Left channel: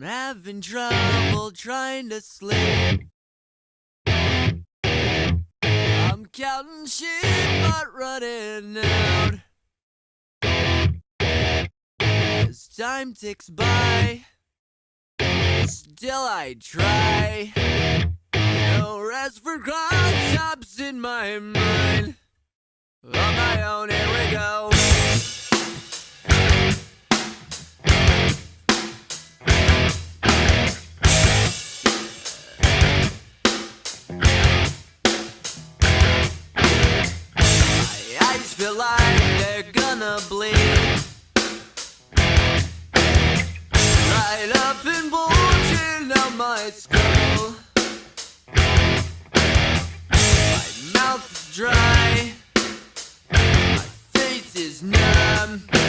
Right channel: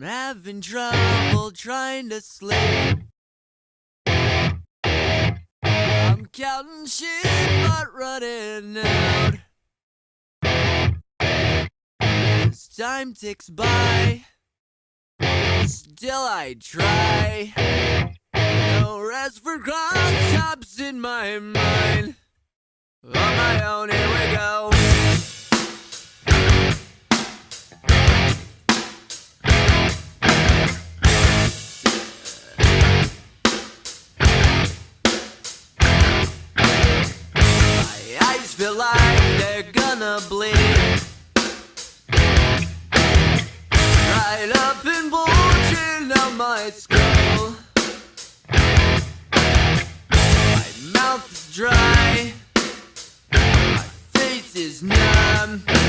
I'm having trouble trying to sleep. I'm counting sheep but running out. As time ticks by, still I try. No rest for cross-chops in my mind. On my own, here we go. My eyes feel like they're gonna bleed. Right up and bulging out my skull. My mouth is dry. My face is numb.